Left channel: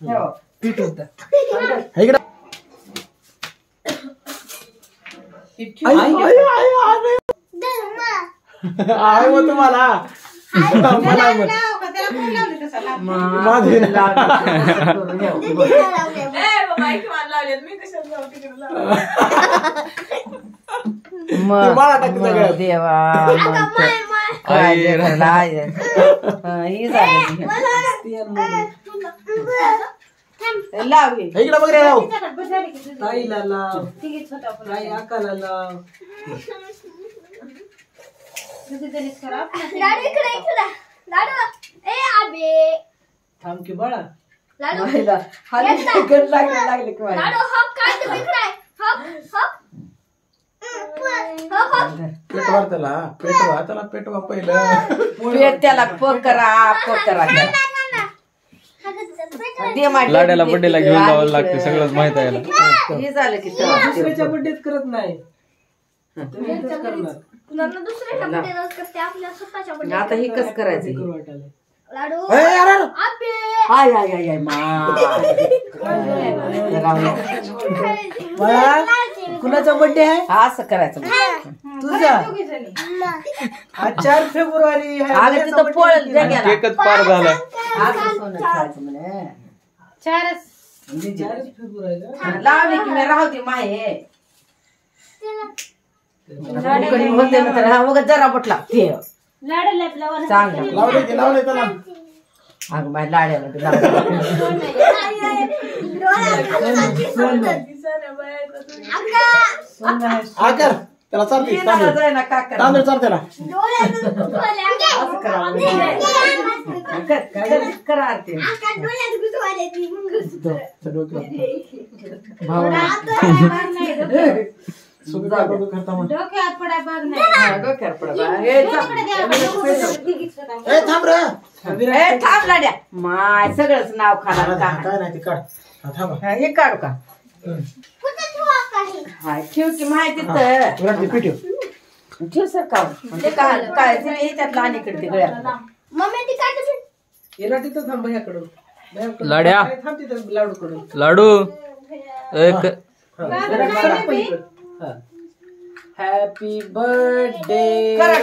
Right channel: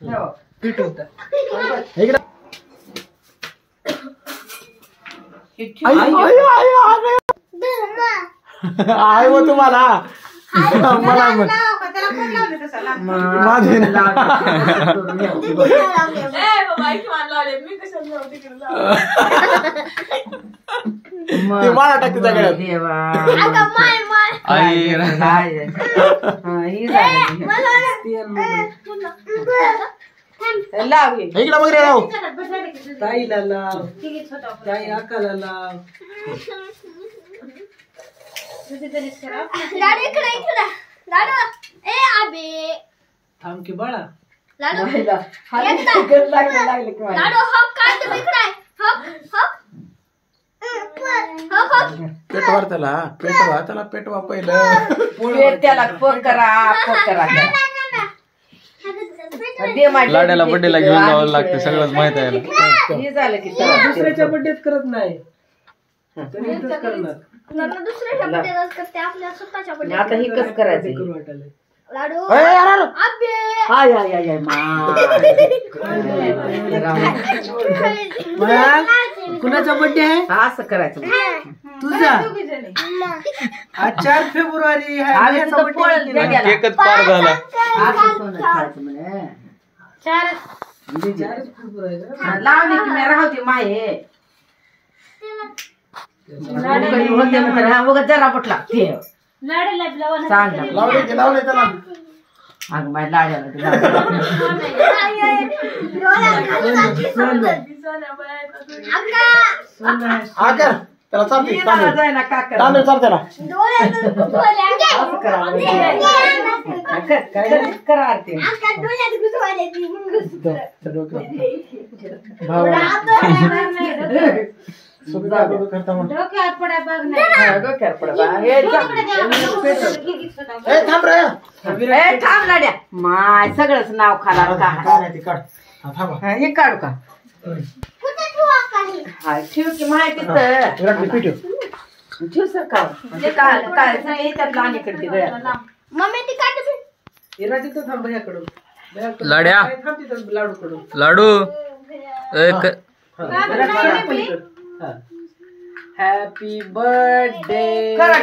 पीठ होतं आहे मग तुम्हाला लाव इकडे बघ रे ताईला लाव ताई आकाला लाव थांब की बाळा पेटवा त्याला पेटवा पहिलं त्याला पोकरा लाड्याला बर्थडेला घेऊन जावं लागतं सगळंच माहित आहे हे झालं की दुसऱ्याच्या बड्डेत करत नाही आता हे कसं करायचं कुणाचा बड्डे आहे असं करायचं तुझा आज 4 फेब्रुवारी केकच पार झाला 4 फेब्रुवारी लावणी की मी राहते माये होते ना जरा बुट लागते लावले त्याला अगं माझ्या लाड्याला आकर त्याला चालते तांदूळ चालते ना थांब लाड्या माय सगळंच नाव खाला हे काढू का हाय ठेव की माहिती तर ठेव सर काय त्यातला आणि कडते गळ्यात येणार तिथं थांब भैयाकडून लाड्या थांब तिथं लाडू कडून लाडू हॅपी बर्थडे करा